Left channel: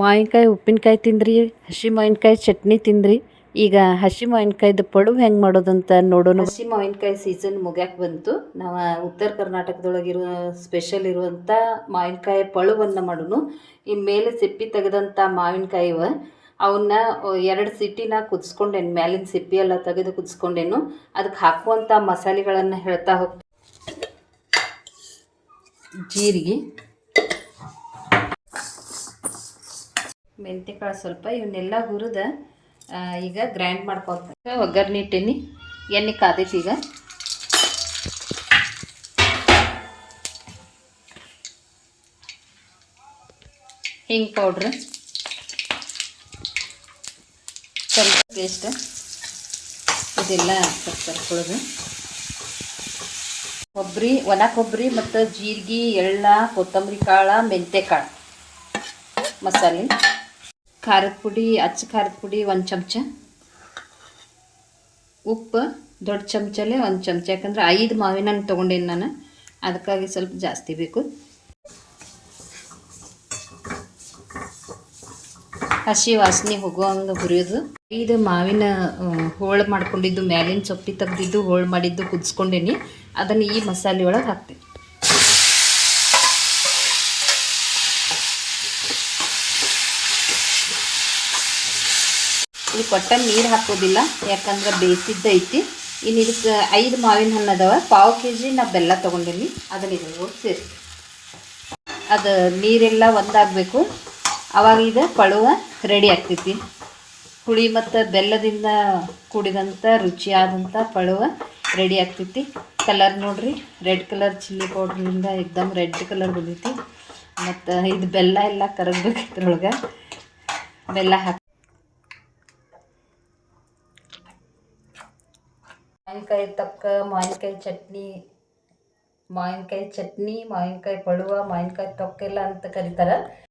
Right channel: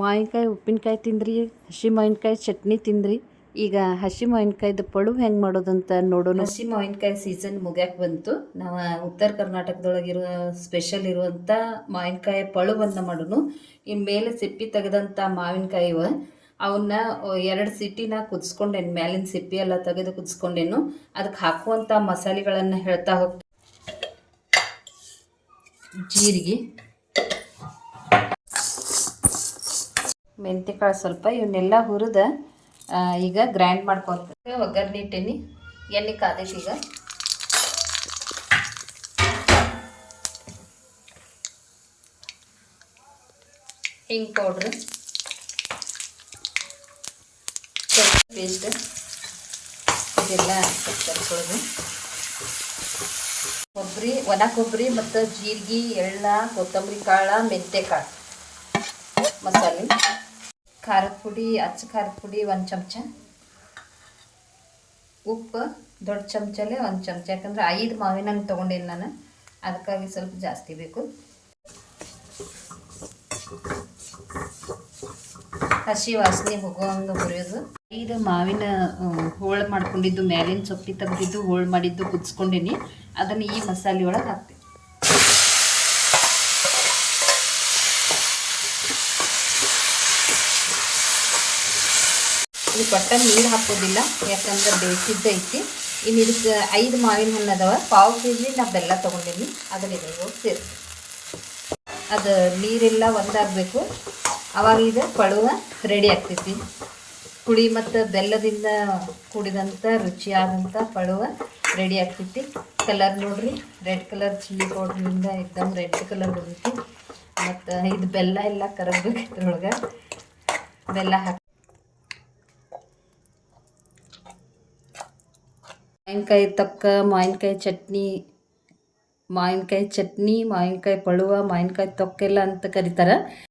ಮಾವಿನಕಾಯಿ, ಉಪ್ಪಿನಕಾಯಿ ತಿಂದ್ರಿ, ಹಸಿ ಮಾವಿನಕಾಯಿ, ಚಟ್ನಿ ತಿಂದ್ರಿ. ಈಗ ಹಸಿ ಮಾವಿನಕಾಯ್ದು ಪಡುವು ಹೆಂಗೆ ಮಾಡೋದಂತ ನೋಡೋಣ. ಹಸಿ ಮಾವಿನಕಾಯಿ ಸೀಸನ್ ಮುಗ್ಯಾಕೆ ಬಂತು. ನಾವು ಉತ್ತರ ಕರ್ನಾಟಕದೊಳಗಿರುವ ಸ್ಪೆಷಲ್ ಇರುವಂಥ ಮಾವಿನಕಾಯಿ ಪಳುವನ್ನು ಮಾಡೋನು. ಈ ಮೇಲೆ ಸಿಪ್ಪಿ ತೆಗೆದಂಥ ಮಾವಿನಕಾಯಿವ, ಅವನ್ನ ಎರಡು ಸಿಟಿನ ಕುದಿಸ್ಕೊಂಡೇನು, ಮ್ಯಾಲಿನ ಸಿಪ್ಪಿ ಎಲ್ಲ ತೆಗೆದು ಕುದಿಸ್ಕೊಂಡೇನು. ಅದಕ್ಕೆ ಹಾಕುವಂಥ ಮಸಾಲೆಗಳನ್ನು ಹೇಳ್ತಾ ಹೋಗ್ತೀನಿ ಜೀರಿಗೆ. ಮೆಂತ್ಯಕಾಳು ಸ್ವಲ್ಪ ಇವನ್ನೆಲ್ಲ ಹುರಿದ ಈಗ ಗ್ರ್ಯಾಂಡ್ ಮಾಡ್ಕೊತ ಒಗ್ಗರಣೆ ಇಟ್ಟೀನಿ, ಎಣ್ಣೆ ಕಾದೈತಿ ಈಗ. ಹಿಂಗೆ ಪೌಡ್ರ್ ಸ್ವಲ್ಪ ಪೇಸ್ಟ್ ಇದೆಲ್ಲ ಸರ್ಕೊಳ್ಳೋದು ಕೊಬ್ಬರಿ, ಒಣ ಕೊಬ್ಬರಿ ಮತ್ತು ಜೀರಿಗೆ, ಎಳ್ಳ, ಕೊತ್ತಂಬರಿ ಕಾಳು ಮೆಂತೆ ಕಾಳು ಮಸಾಲೆ. ಖಾರದ ಪುಡಿ, ಅಚ್ಚ ಖಾರದ ಪುಡಿ ಒಂದು ಚಮಚ. ಉಪ್ಪು ದೊಡ್ಡ ಚಮಚಲ್ಲೇ ಒಂದು ಚಮಚ. ಯಾಕಂದ್ರೆ ಐದು ಮಾವಿನ ಹಣ್ಣು ತೊಗೊಂಡೇನು ನಾನು. ಅದಕ್ಕಾಗಿ ಸ್ವಲ್ಪ ಜಾಸ್ತಿ ಬೇಕು. ಹಸಿ ವಾಸನೆ ಹೋಗುವಂಗೆ ಹುರಿಯೋದು. ಐದು ಮಾವಿನ ಹೋಳು ಮಾಡ್ಕೊಂಡಿದ್ದು, ಮ್ಯಾಲಿನ ಸೊಪ್ಪಿ ತೆಗೆದಿದ್ದು, ಹೋಳು ಮಾಡಿದ್ದು ಕುದಿಸ್ಕೊಂಡೇನಿ. ಅದನ್ನು ಈ ಮಸಾಲೆ ಒಳಗೆ ಹಾಕ್ತೀನಿ. ಇದು ಕೊಟ್ಟ ನೀರು ಹಾಕೋದಿಲ್ಲ, ಯಾಕಂದ್ರೆ ಬೇಯಿಸಿದ್ದೈತಿ ಇನ್ನು ಇದಕ್ಕೆ ಐದು ಮಾವಿನ ಹಣ್ಣು ಅದಾವ ಪಾವು ಕೆ ಜಿ ನಾ ಬೆಲ್ಲ ತೊಗೊಂಡೀನಿ ಅದನ್ನ ಇದ್ರೊಳಗೆ ಸೇರಿಸಿ. ಅದು ನೀರೆಲ್ಲ ಒಂದಾಗಬೇಕು. ಅವಾಗ ಇದು ಪಳುವ ರೆಡಿ ಆಗ್ತೈತಿ. ಹುಳಿ ಮತ್ತು ಬೆಲ್ಲದಿಂದ ಕೂಡಿದಂಥ ರುಚಿಯಾದಂಥ ಪಳುವ ರೆಡಿ ಆಗ್ತೈತಿ. ಕಲರ್ ನೋಡ್ರಿ ರೆಡ್ ಕಲರ್ ಚಿಲ್ಲಿ ಪೌಡ್ರಿಂದ ಎಕ್ದಮ್ ರೆಡ್ ಕಲರ್ ಬಂದೈತಿ. ಮತ್ತು ಇದು ಬೆಲ್ಲ ಎಲ್ಲ ಕರಗಬೇಕು ಇದ್ರೊಳಗೆ. ಬೆಲ್ಲ ಹಾಕಿ ಮಾವಿನಕಾಯಿ ತಕ್ಕ ಮಾವಿನಕಾಯಿ ಚಟ್ನಿ ಮಾವಿನಕಾಯಿ ಚಟ್ನಿ ಮಾವಿನಕಾಯಿ ಪಳುವ ಮಾವಿನಕಾಯಿ ತೊಕ್ಕೆಲ್ಲ ಅಂತ ಕರೀತಾರೆ.